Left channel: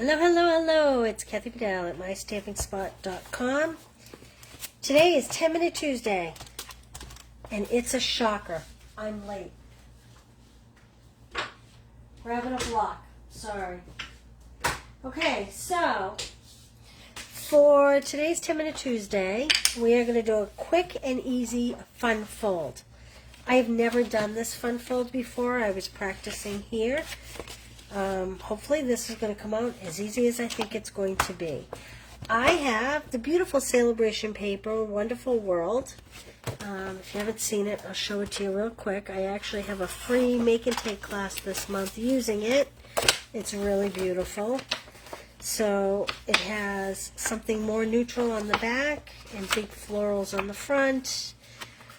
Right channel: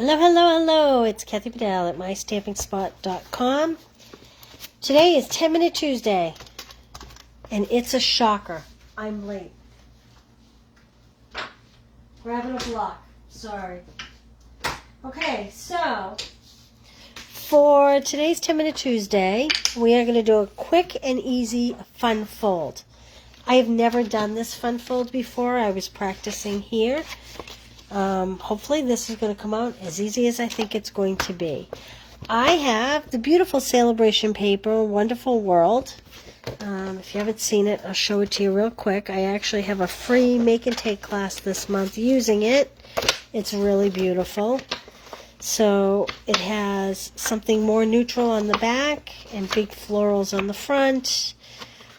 Hello, hello, hello. It's Kathy Bedell at MyStampingSpot.com. Today is 10-Minute Tuesday, and it's a shocker. I'm late. Grabbing a block. Sorry. Okay, so for today's 10-Minute Tuesday, we are going to do a quick and easy fun fold. I have never done this fun fold before. I was practicing here. Hopefully this is going to come out as easy as I think it's going to be. I have the beautiful celebration paper, Wonderful World. If you haven't seen it, I'll show it to you real quick. I actually have a free make and take class this month using it. It's really beautiful. So it has something more neutral on the back and big florals on the front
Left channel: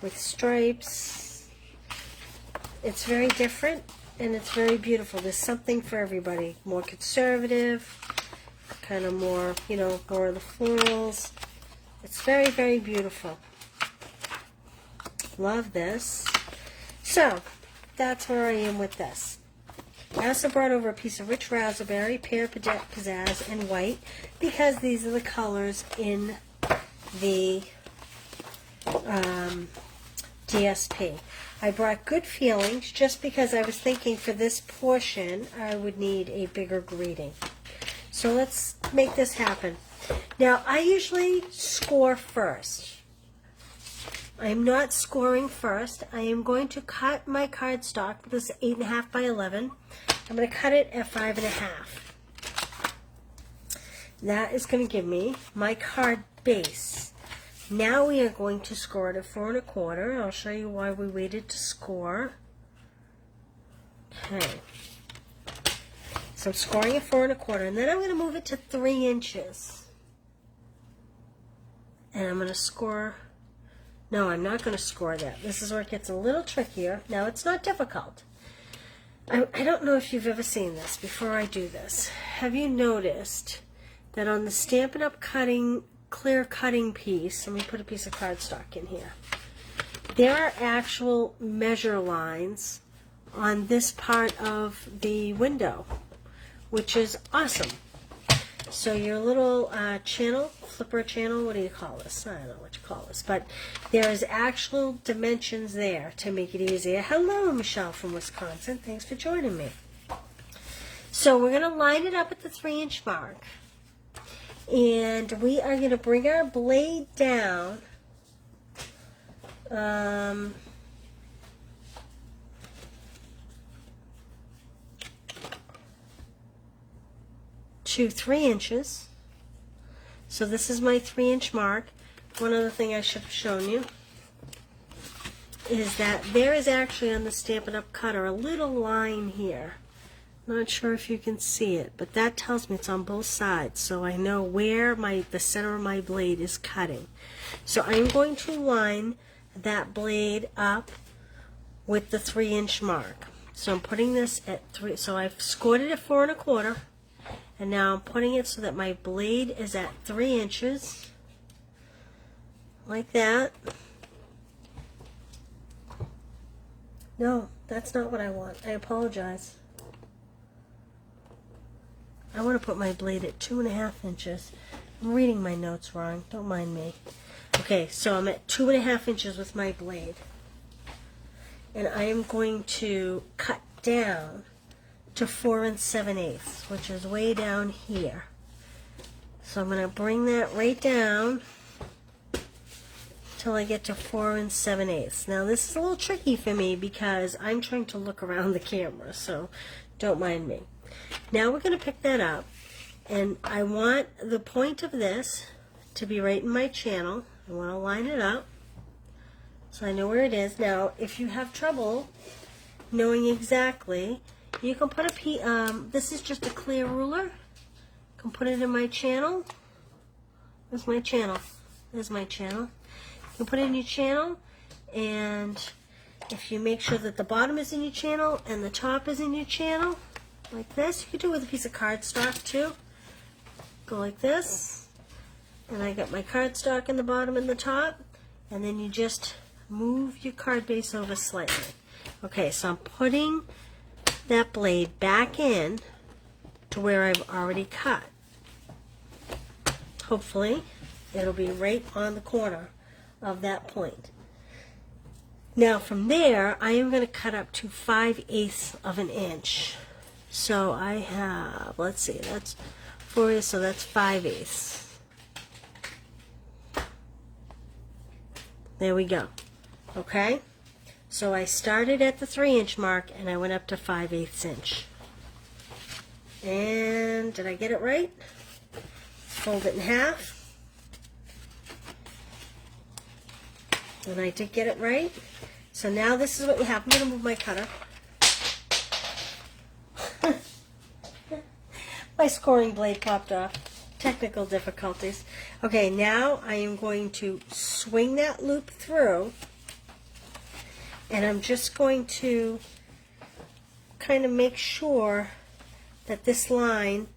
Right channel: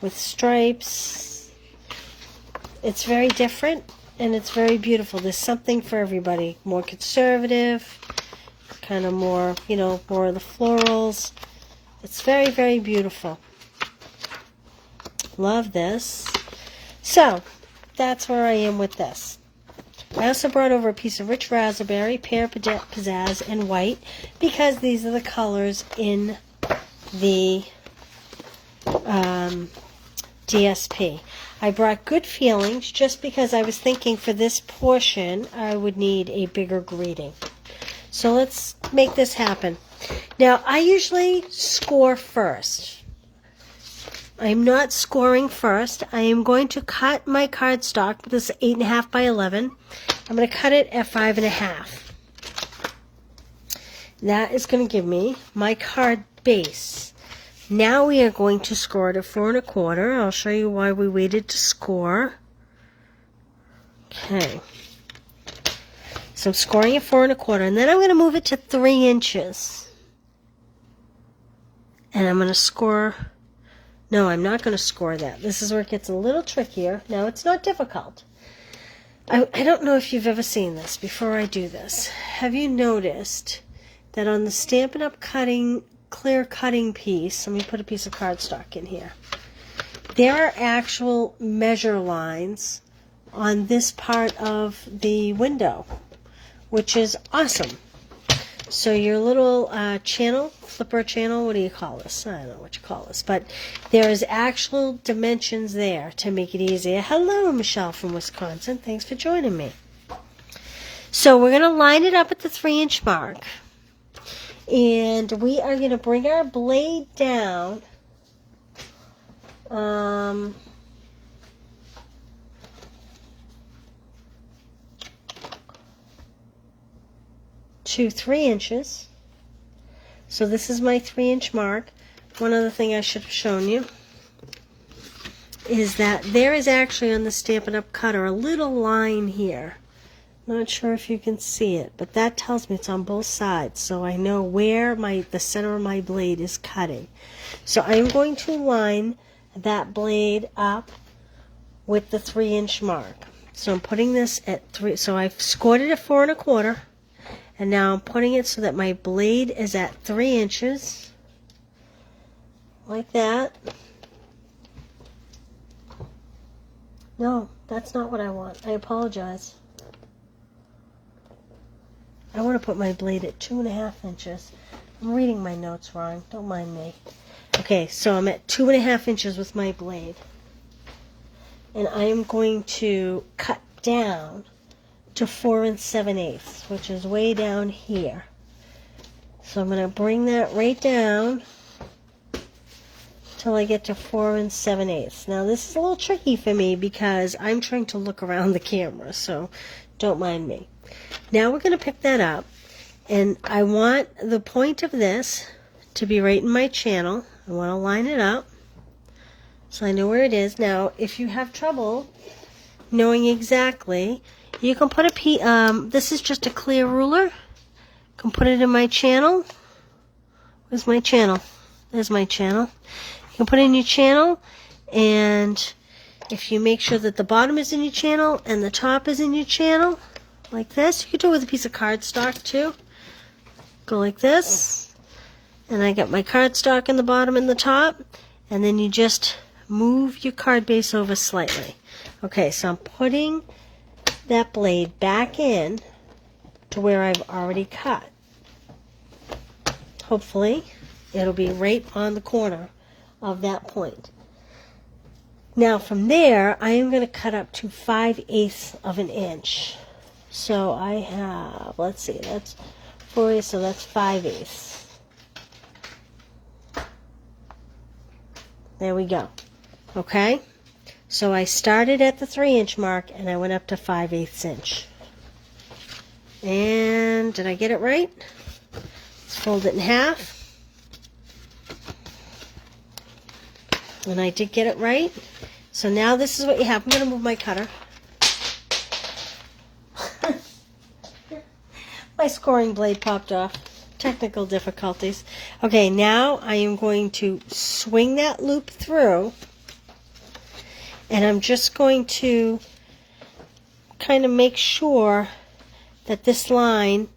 with stripes. It's very different. And it's very beautiful. There's something for everybody. More conservative, kind of more, more of the florals. It's very, very beautiful. Love this. So, that's where I am with this. I also brought over a piece of rich raspberry, pear, pizzazz, and white, because these are the colors in the DSP. I brought Good Feelings just because I was thinking for this portion I would need a bigger greeting. So let's make this happen. Now I usually score first. I'm not scoring first. I am going to cut my cardstock. This is 8.5 by 11. I'm going to cut it at 5.5. That is going to give me my card base. Now we are going to score it at 4 1/4. I'll show you why we waited to score. Okay. So I'm scoring at 4 1/4, and then I'm going to move it to 3 inches. And I'm going to score. No, I'm not going to score that. This is where it gets a little trickier. Now it's not difficult. I don't know if you've ever seen this before I do this. Have you noticed that on the Stampin' Up! Clear cutting piece, let me put a piece of cardstock in here, there are actual measure lines on this part of the window, which is awesome. So your little flipper channel, what do you call this? I don't know what you call this, but there is actual dimensions there to make it easier. Hello, Michelle from Wisconsin. Thanks for joining me. So we're going to line it up at the 3-inch mark. And we are going to bring our blade down to 3 inches. So this is my 3-inch mark. One other thing I should have shown you is that there is actually on the Stampin' Up! Cutter a little line here. Not sure if you can see it, but that tells me it's on both sides, so I know where the center of my blade is cutting. So I'm going to line that blade up with the 3-inch mark. So I'm putting this at 3. So I've scored it at 4 1/4, and now I'm putting it so that my blade is at 3 inches, like that. No, that's not what I want. I apologize. I want to put my blade at 2.5 inches. I'm reading my notes wrong. Don't mind me. Okay, so I'm at 2.5 inches with my blade. And I am going to cut down to 4 7/8, which is way down here. So I'm going to bring that right down till I get to 4 7/8. Now this is a little tricky for me because I'm trying to look around the camera, so don't mind me. Now we're going to pick that up, and I want the point of this to be right in my channel. I want to line it up so I know where it is. Now, if you have trouble knowing exactly, you can put this is just a clear ruler. You can put it in my channel. Where's my channel? There's my channel. You can put it in your channel, and if you make sure that the bottom is in your channel and the top is in your channel, like this. You could do it with a piece of cardstock too. Go like this. And I got my cardstock in the bottom and the top. And then you just move your card base over slightly. Okay, so I'm putting that blade back in to where I've already cut. Hopefully, it'll be right on the corner of that point. Now from there, I am going to cut up to 5/8 of an inch. So I have, let's see, that's 4/8, so that's 5/8. There we go. Okay? So I started at the 3-inch mark and I went up to 5/8 inch. And did I get it right? Let's fold it in half. And I did get it right. So now this is what you have. I'm going to move my cutter. My scoring blade popped off. Technical difficulties. Okay, now I am going to swing that loop through. And I'm just going to kind of make sure that this line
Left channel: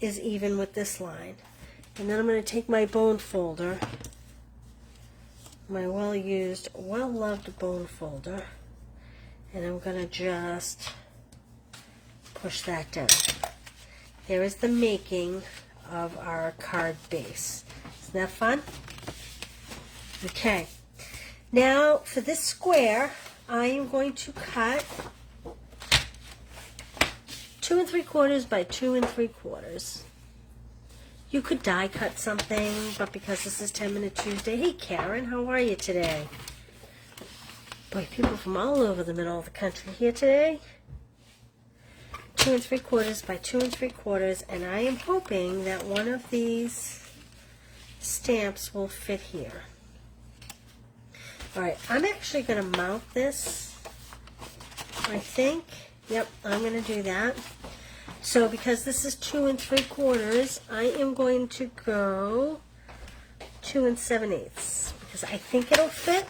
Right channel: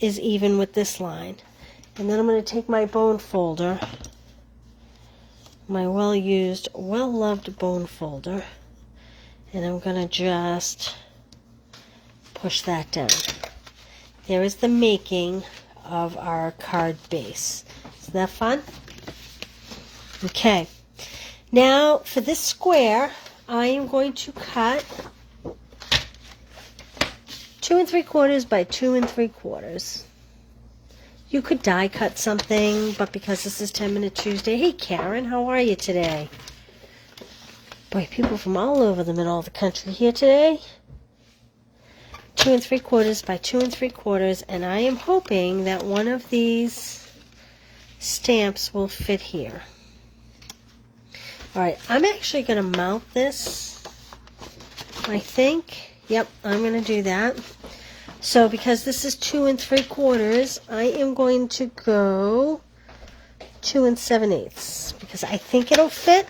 is even with this line. And then I'm going to take my bone folder, my well-used, well-loved bone folder, and I'm going to just push that down. There is the making of our card base. Isn't that fun? Okay. Now for this square, I am going to cut 2 3/4 by 2 3/4. You could die cut something, but because this is 10-Minute Tuesday, hey Karen, how are you today? Boy, people from all over the middle of the country here today. 2 3/4 by 2 3/4, and I am hoping that one of these stamps will fit here. Alright, I'm actually going to mount this, I think. Yep, I'm going to do that. So because this is 2 3/4, I am going to go 2 7/8 because I think it'll fit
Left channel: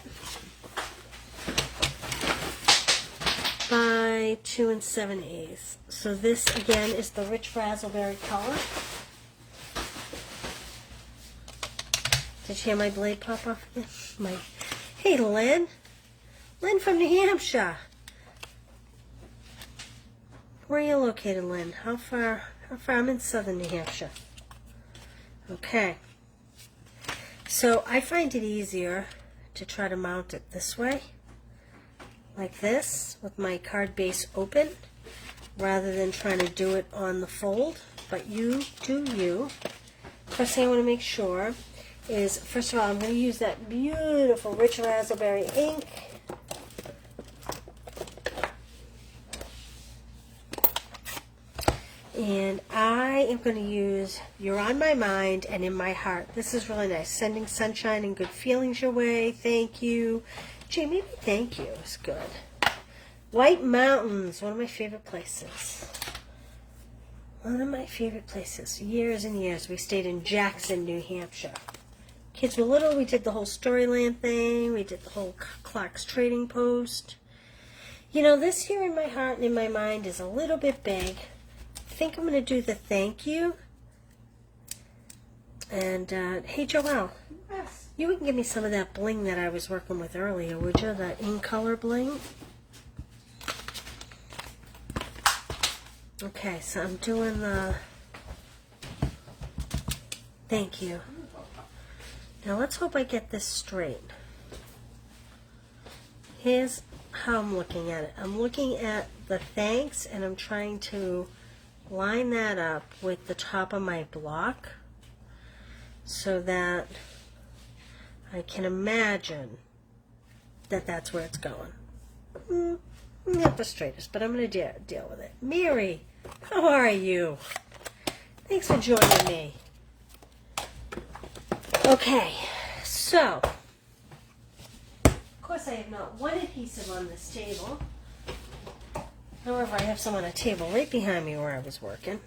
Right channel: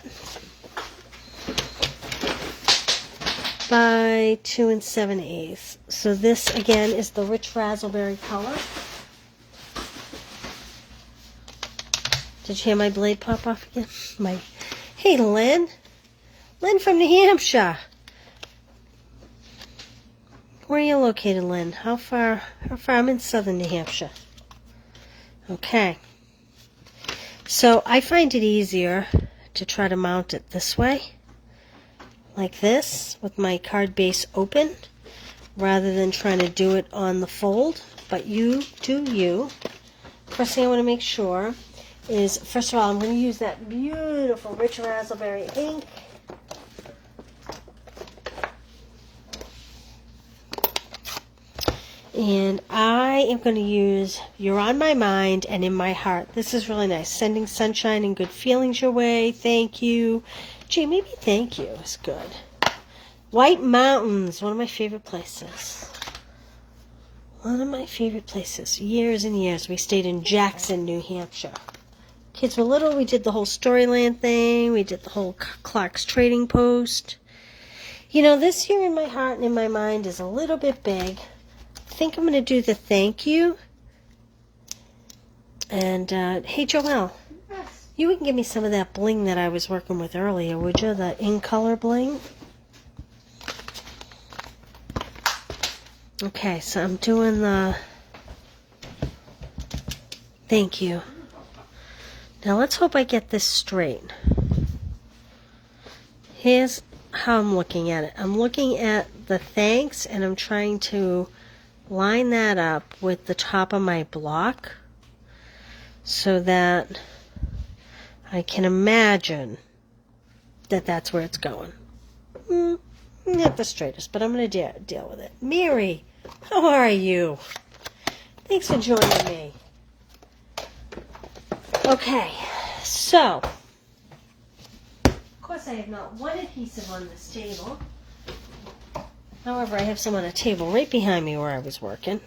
by 2 7/8. So this again is the rich raspberry color. Did you hear my blade pop off again? Hey Lynn from New Hampshire. Where are you located, Lynn? How far? I'm in southern New Hampshire. Okay. So I find it easier to try to mount it this way, like this, with my card base open, rather than trying to do it on the fold. But you do you. First thing I want to make sure is, first of all, I'm going to use that beautiful rich raspberry ink. And I am going to use You're on My Mind and In My Heart. This is really nice. Sending sunshine and good feelings your way. Thank you. Gee, maybe thank you is good. White Mountains, one of my favorite places. One of my favorite places. Years and years. We stayed in Jackson, New Hampshire. Kids were little. We did the whole Storyland thing. We did the whole Clark's Trading Post. You know, this Here in My Heart and In My Mind is a little bit big. I think I'm going to do the thank you. And, hey, Joelle, yes. You would give me some of that bling that I was working with earlier, would you? That in color bling? Okay, so I'm doing the thank you. Now, let's hope I get this straight. Here's how I'm looking at it. I'm looking at the thanks, and I'm trying to line that up with the top of my block so that I can imagine that that's where it's going. Not the straightest, but I'm going to deal with it. Mary, how are you? Thanks for joining me. Okay, so, of course I have not one adhesive on this table. However, I have some on a table right behind me where I was working.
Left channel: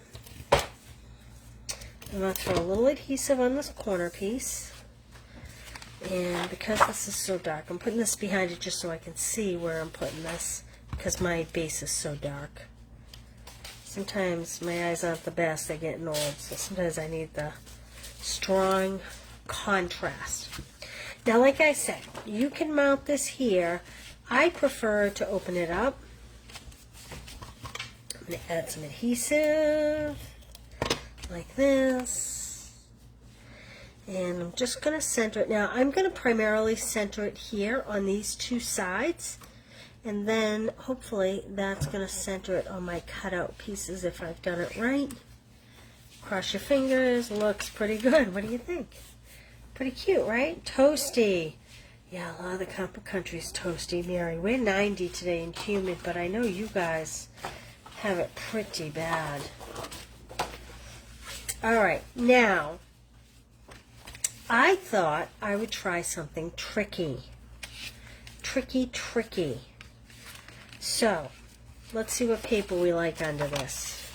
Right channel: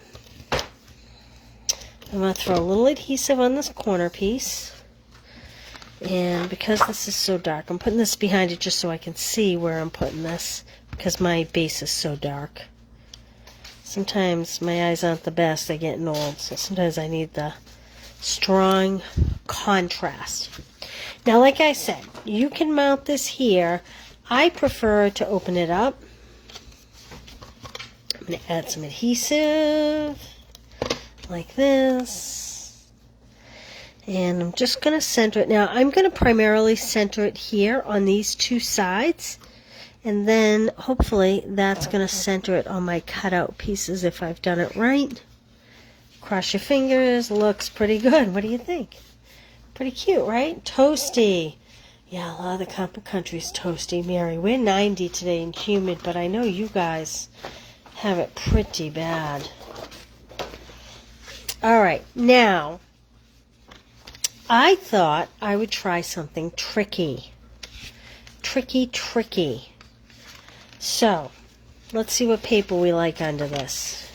I'm going to throw a little adhesive on this corner piece. And because this is so dark, I'm putting this behind it just so I can see where I'm putting this, because my base is so dark. Sometimes my eyes aren't the best. They're getting old, so sometimes I need the strong contrast. Now, like I said, you can mount this here. I prefer to open it up. I'm going to add some adhesive. like this. And I'm just going to center it. Now, I'm going to primarily center it here on these two sides. And then, hopefully, that's going to center it on my cutout pieces if I've done it right. Cross your fingers. Looks pretty good. What do you think? Pretty cute, right? Toasty. Yeah, a lot of the country's toasty, Mary. We're 90 today and humid, but I know you guys have it pretty bad. All right, now, I thought I would try something tricky. Tricky. So, let's see what paper we like under this.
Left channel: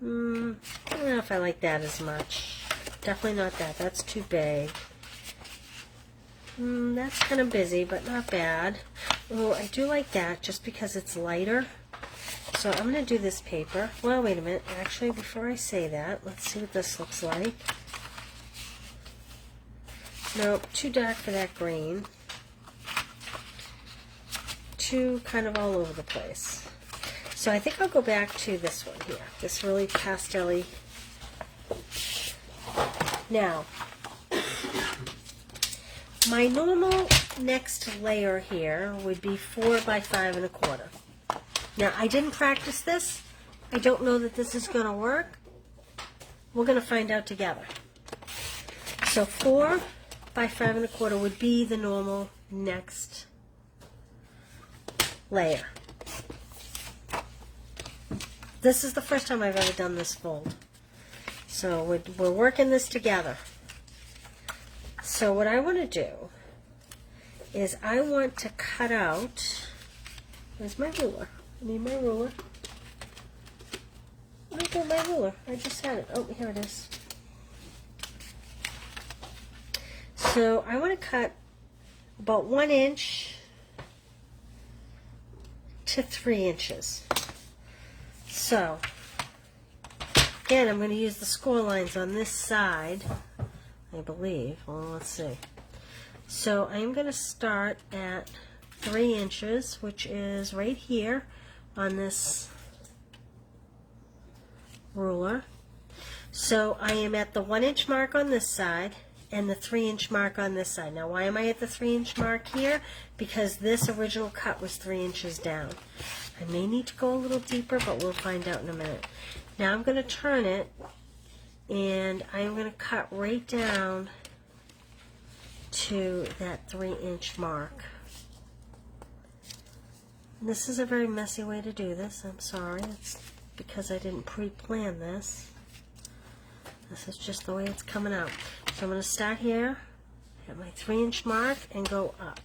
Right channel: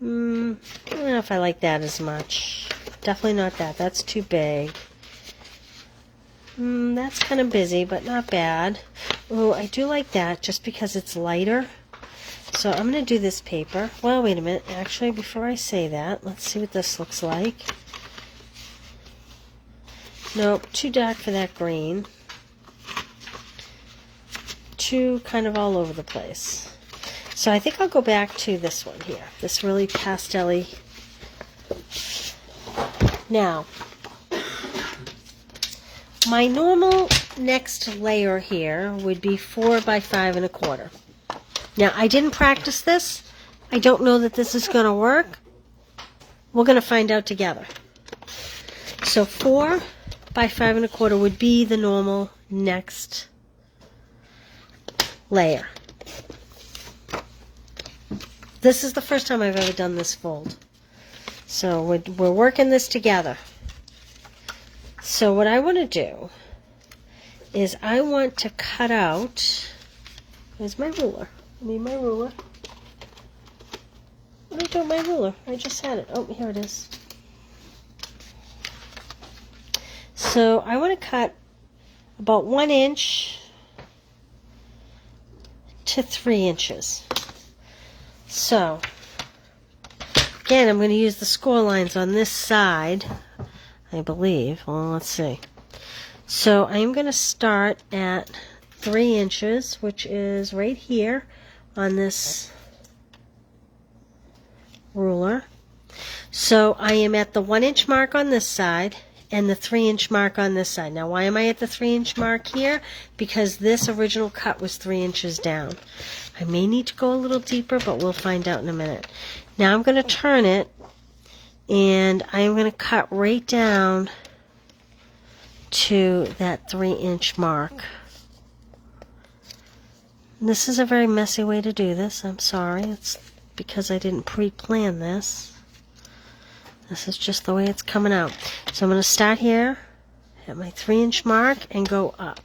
I don't know if I like that as much. Definitely not that. That's too big. That's kind of busy, but not bad. Ooh, I do like that just because it's lighter. So I'm going to do this paper. Well, wait a minute. Actually, before I say that, let's see what this looks like. Nope, too dark for that green. Too kind of all over the place. So I think I'll go back to this one here. This really pastel-y. Now, my normal next layer here would be 4 by 5 1/4. Now, I didn't practice this. I don't know that this is going to work. We're going to find out together. So 4 by 5 1/4 would be the normal next layer. This is the first time I've ever done this fold. So we're working this together. So what I want to do is I want to cut out, where's my ruler? I need my ruler. What do I do with my ruler? I just had it. Oh, here it is. So I want to cut about 1 inch to 3 inches. So, again, I'm going to use the score lines on this side, I believe. Well, let's see. So I'm going to start at 3 inches, which is right here on this ruler. So I am at the 1 inch mark on this side and the 3 inch mark on this side. Now, why am I at the 3 inch mark here? Because this original cut was 3 inches down. I may need to go a little deeper, but we'll find out in a minute. Now I'm going to turn it, and I'm going to cut right down to that 3 inch mark. This is a very messy way to do this. I'm sorry. It's because I didn't pre-plan this. This is just the way it's coming out. So I'm going to start here at my 3 inch mark and go up.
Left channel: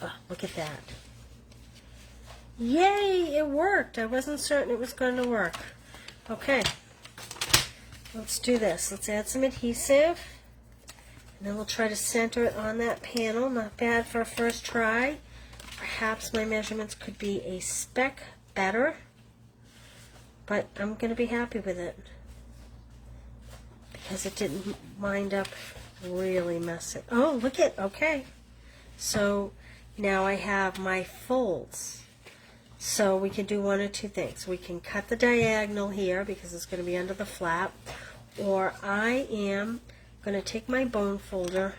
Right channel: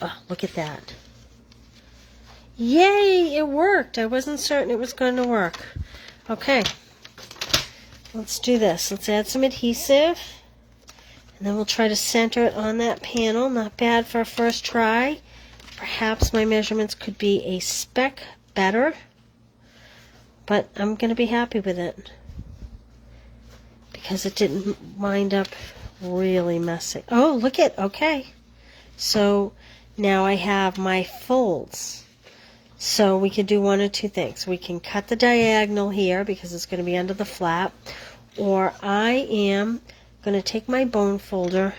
Oh, look at that. Yay, it worked. I wasn't certain it was going to work. Okay, let's do this. Let's add some adhesive, and then we'll try to center it on that panel. Not bad for a first try. Perhaps my measurements could be a speck better, but I'm going to be happy with it because it didn't wind up really messy. Oh, look at, okay. So now I have my folds. So we can do one or two things. We can cut the diagonal here because it's going to be under the flap, or I am going to take my bone folder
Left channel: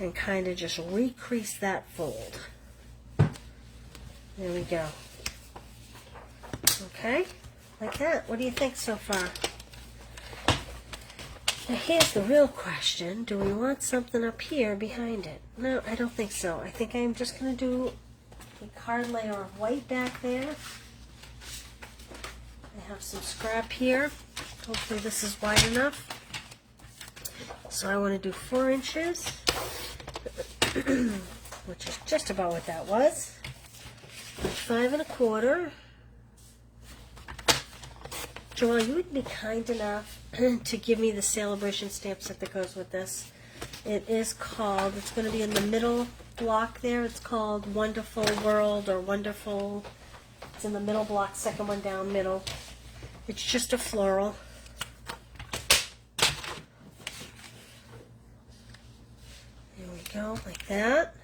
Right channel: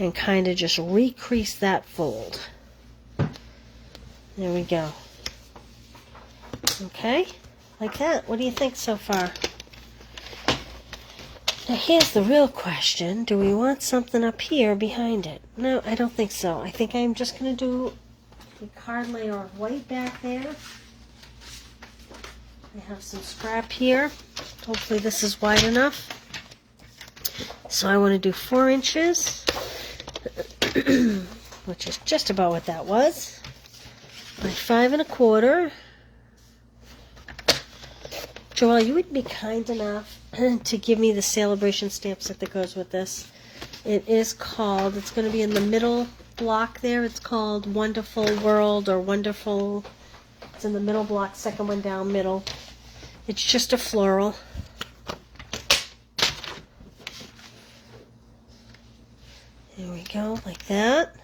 and kind of just recrease that fold. There we go. Okay, like that. What do you think so far? Now here's the real question. Do we want something up here behind it? No, I don't think so. I think I'm just going to do a card layer of white back there. I have some scrap here. Hopefully this is wide enough. So I want to do 4 inches, which is just about what that was, by 5 1/4. Joelle, you would be kind enough to give me the celebration stamp set that goes with this. It is called, it's going to be in the middle block there. It's called Wonderful World or Wonderful. It's in the middle block, second one down, middle. It's just a floral. There we go, like that.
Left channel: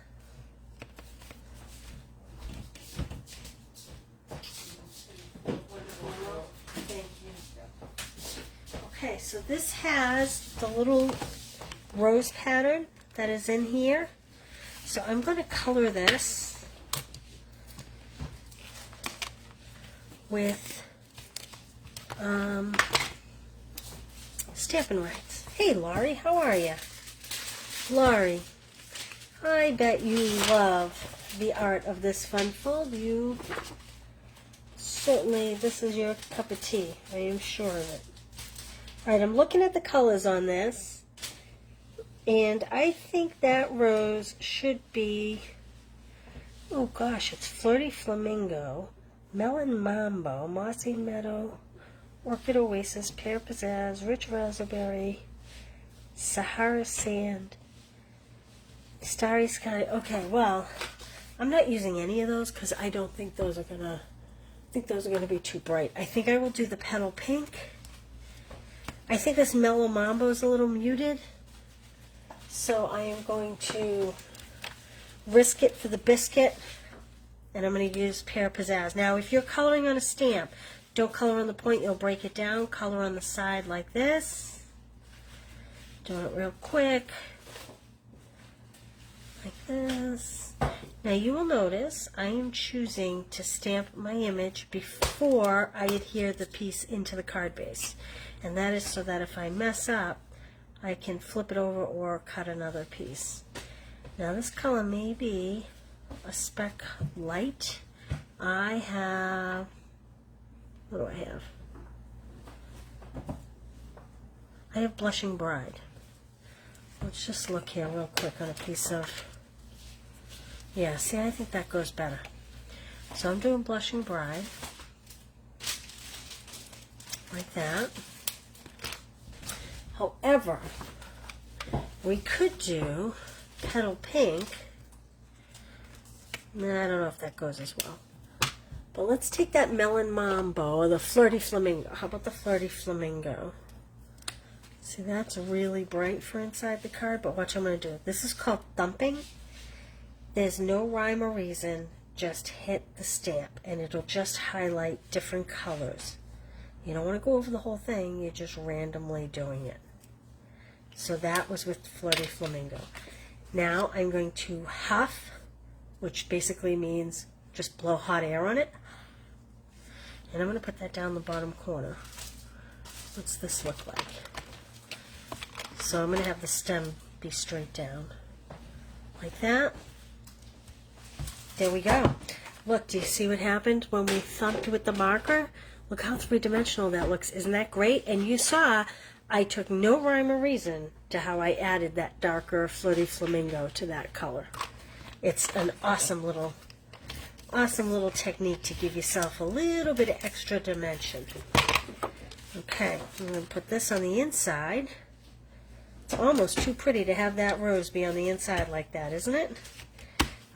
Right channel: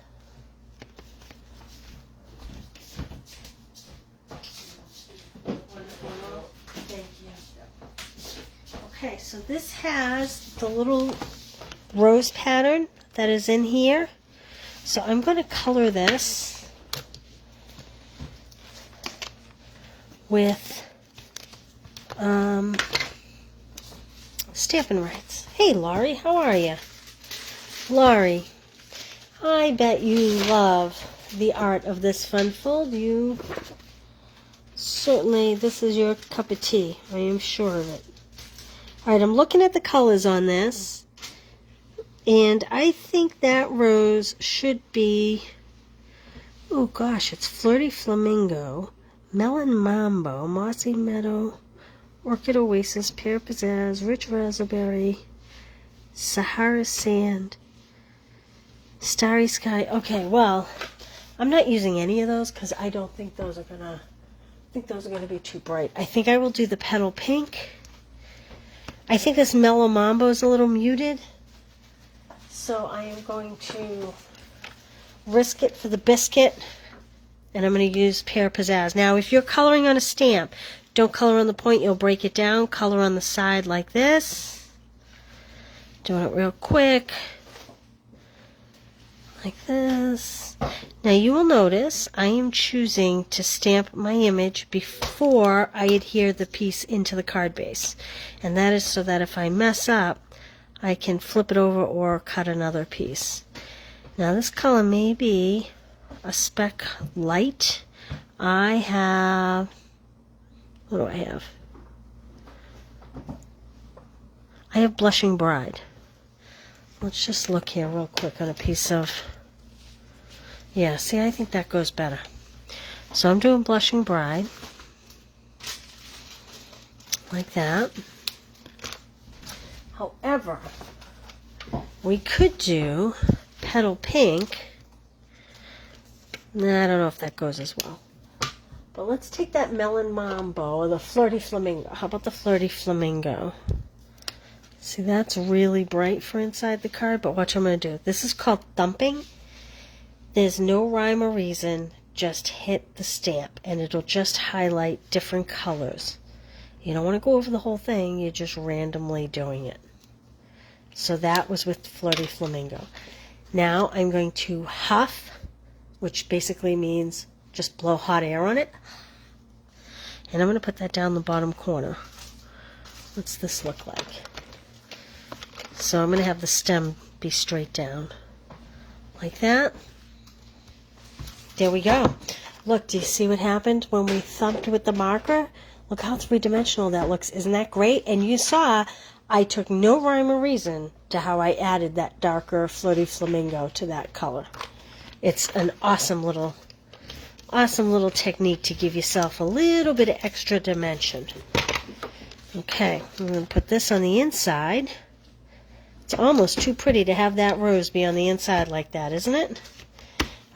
Okay, so this has the little rose pattern that is in here. So I'm going to color this with Stampin' Rights. Hey, Laurie, how are you? Laurie, I bet you love the art of this funfold. You certainly, this is your cup of tea. I am sure of it. All right, I'm looking at the colors on this, and I think that rose should be, oh gosh, it's Flirty Flamingo, Melon Mambo, Mossy Meadow, Orchid Oasis, Pear Pizzazz, Rich Raspberry, Sahara Sand, Starry Sky. Okay, well, I'm not using any of those because I don't think those are gonna, be too bright. I think I will do the Petal Pink. I think this Mellow Mambo is a little muted, so I am going to risk it for the biscuit, and I'm going to use Pear Pizzazz. Now, if you're coloring on a stamp, don't color on the point, you'll break it down. Color on the side like this. Doing it real quick. Like this. Now you will notice I am choosing to stamp my image before I adhere the piece into the card base. And that is so that if I mess up, I can flip it over or cut another piece. Now this color may be a speck light. I have, what do I have? I have Blushing Bride. Let's just look here real quick on a piece of, yeah, see, I think that goes better. So I'm doing Blushing Bride, like that. However, we could do Petal Pink. Nah, I don't know if that goes as well. But let's take that Melon Mambo or the Flirty Flamingo. How about the Flirty Flamingo? See, that's really bright for inside the card, but watch what I'm going to do. This is called thumping. There's no rhyme or reason, just hit the stamp, and it'll just highlight different colors. You don't want to go over the whole thing, you're just randomly doing it. So that was with Flirty Flamingo. Now I'm going to huff, which basically means just blow hot air on it. And I'm going to put that down the bottom corner. What's this look like? So I'm going to have the stem be straight down. Like that. There we go. Look, do you see what happened when we thumped with the marker? Look how three-dimensional that looks. Isn't that great? And you saw I took no rhyme or reason to how I added that darker Flirty Flamingo to that color. It's an awesome little technique to give yourself a little bit of extra dimension. Okay, I'm going to put this on the inside. It's almost too pretty to have that rose be on the inside like that, isn't it?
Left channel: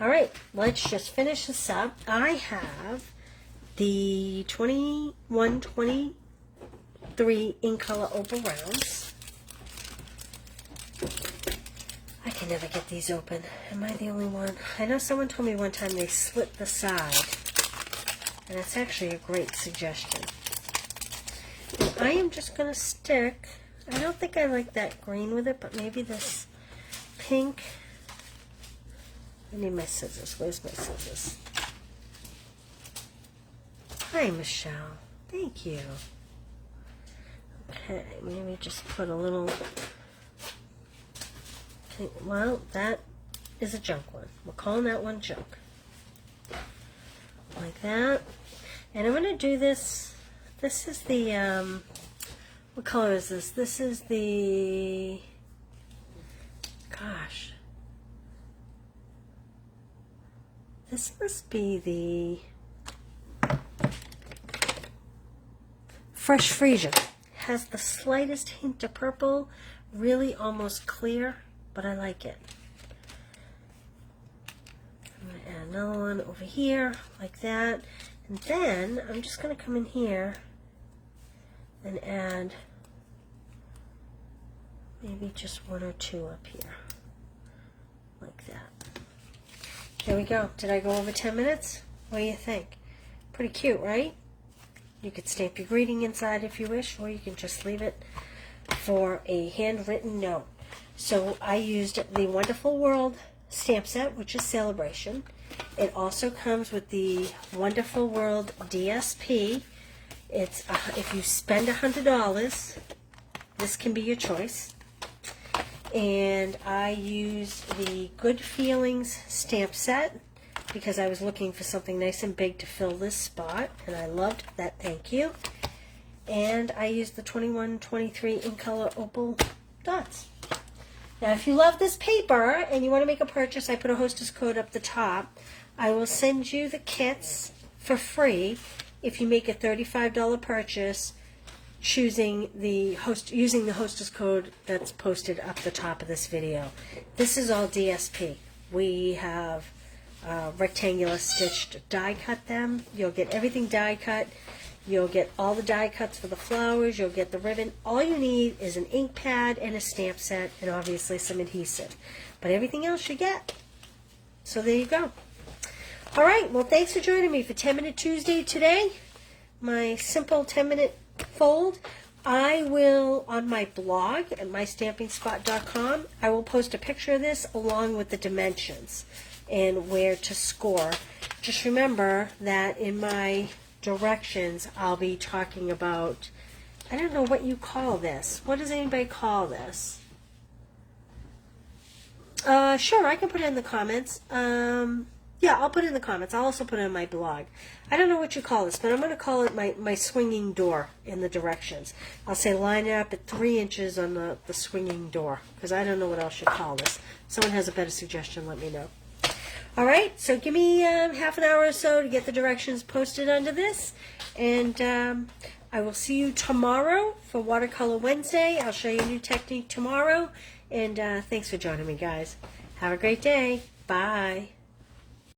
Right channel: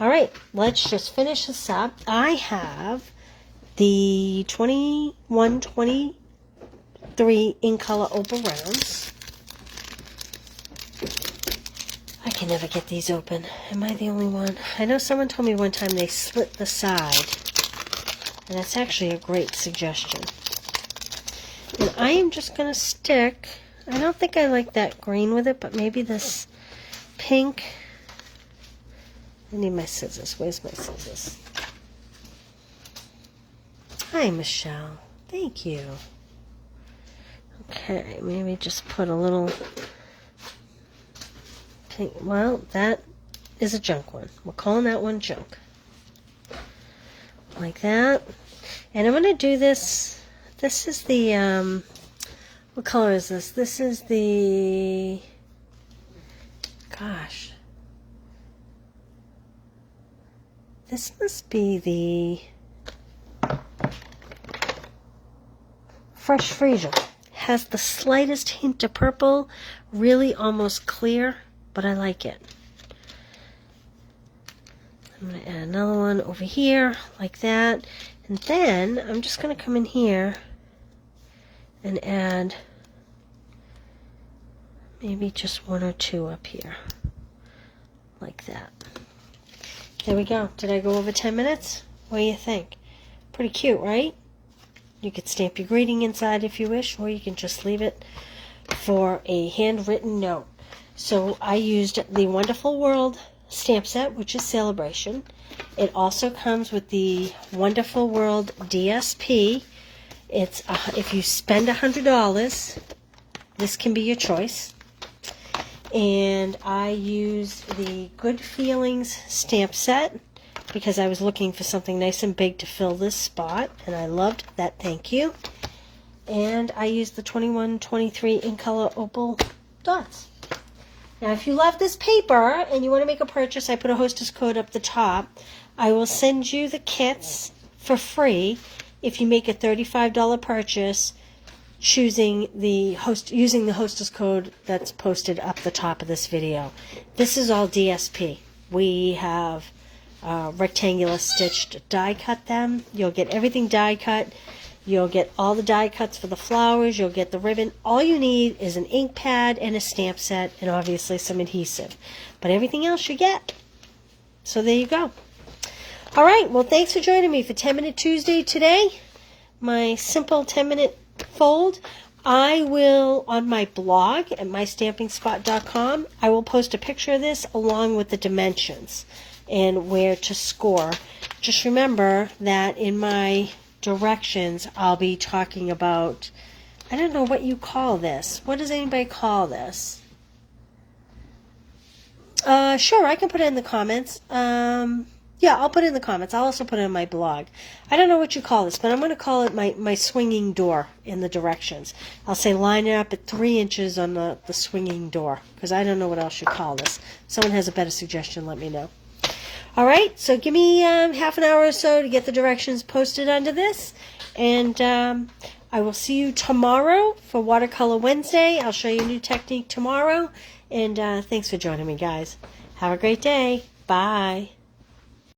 All right, let's just finish this up. I have the 2123 in color opal rounds. I can never get these open. Am I the only one? I know someone told me one time they slit the side, and that's actually a great suggestion. And I am just going to stick, I don't think I like that green with it, but maybe this pink. I need my scissors. Where's my scissors? Hi, Michelle. Thank you. Okay, maybe just put a little pink. Well, that is a junk one. We're calling that one junk. Like that. And I'm going to do this. This is the, what color is this? This is the, gosh. This must be the Fresh Freesia. Has the slightest hint of purple, really almost clear, but I like it. I'm going to add another one over here, like that. And then I'm just going to come in here and add maybe just one or two up here, like that. There we go. Did I go over 10 minutes? What do you think? Pretty cute, right? You could stamp your greeting inside if you wish, or you can just leave it for a handwritten note. So I used the Wonderful World stamp set, which is Celebration. It also comes with the Wonderful World DSP. It's if you spend $100, this can be your choice. And I used the Good Feelings stamp set because I was looking for something nice and big to fill this spot, and I loved that. Thank you. And I used the 2123 in color opal dots. Now, if you love this paper and you want to make a purchase, I put a hostess code up the top. I will send you the kits for free if you make a $35 purchase using the hostess code that's posted up the top of this video. This is all DSP. We have rectangular stitched die cut them. You'll get everything die cut. You'll get all the die cuts for the flowers. You'll get the ribbon. All you need is an ink pad and a stamp set and obviously some adhesive. But everything else you get. So there you go. All right. Well, thanks for joining me for 10-Minute Tuesday today. My simple 10-minute fold. I will, on my blog at mystampingspot.com, I will post a picture of this along with the dimensions and where to score. Just remember that in my directions, I'll be talking about, I don't know what you call this. What does anybody call this? Sure, I can put it in the comments. Yeah, I'll put it in the comments. I'll also put it in my blog. I don't know what you call this, but I'm going to call it my swinging door in the directions. I'll say line it up at 3 inches on the swinging door, because I don't know what else you call this. If someone has a better suggestion, let me know. All right, so give me half an hour or so to get the directions posted under this. And I will see you tomorrow for Watercolor Wednesday. I'll show you a new technique tomorrow. And thanks for joining me, guys. Have a great day. Bye.